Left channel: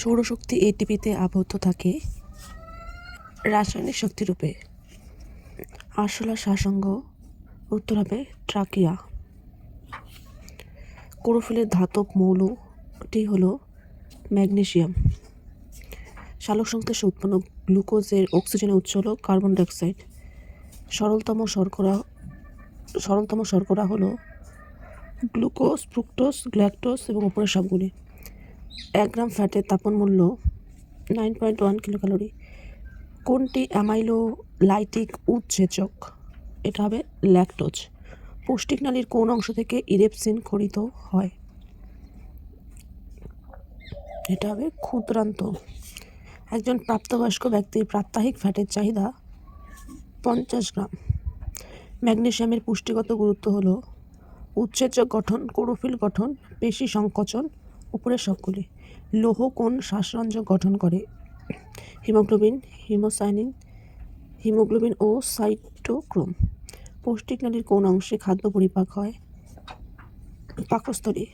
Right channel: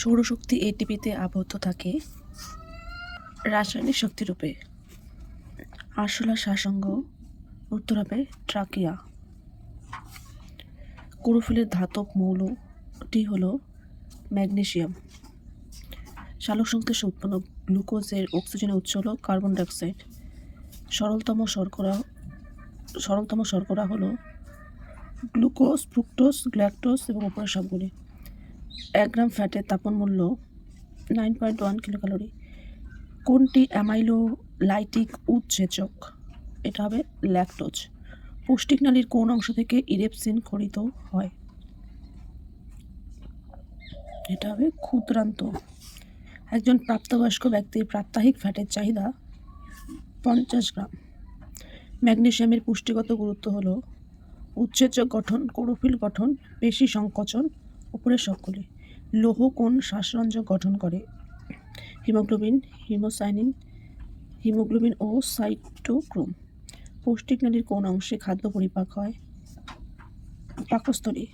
সৌরশক্তি এটিপিতে আবদ্ধ থাকে রাসায়নিক শক্তিরূপে। আরশোলা শ্বাসাঙ্গ, উত্তর হবে ট্রাকিয়া। ক্লোরোফিলের ধাতব মৌলটি হলো ম্যাগনেসিয়াম। সালোকসংশ্লেষে উৎপন্ন গ্লুকোজের অক্সিজেনের উৎস হলো কার্বন ডাইঅক্সাইড। সরলতম শর্করা হলো গ্লুকোজ, ফ্রুক্টোজ, গ্ল্যাকটোজ এবং উপরের সবগুলি। 1 গ্রাম ফ্যাটের তাপন মূল্য 9.1 কিলোক্যালোরি। কোনটি অ্যামাইলোলাইটিক উৎসেচক? এটা হবে ল্যাকটোজ। পৌষ্টিক নালীর কোন অংশ থেকে ইরেপসিন খরিত হয়? এটা হবে ক্ষুদ্রান্ত। একজন প্রাপ্তবয়স্ক ব্যক্তির প্রাত্যহিক ফ্যাটের চাহিদা 50 গ্রাম। ম্যাগনেসিয়ামের পুষ্টিগত গুরুত্ব হলো উৎসেচক গঠন, ক্লোরোফিল গঠন, পেশি সংকোচন, উপরের সবগুলি। লৌহ কোন শ্বাসরঞ্জক গঠন করে? হিমোগ্লোবিন, হিমোগ্লোবিন ও সাইটোক্রোম। পৌষ্টিক নালীর কোন অংশে খাদ্য পরিপাক হয়? পাকস্থলী।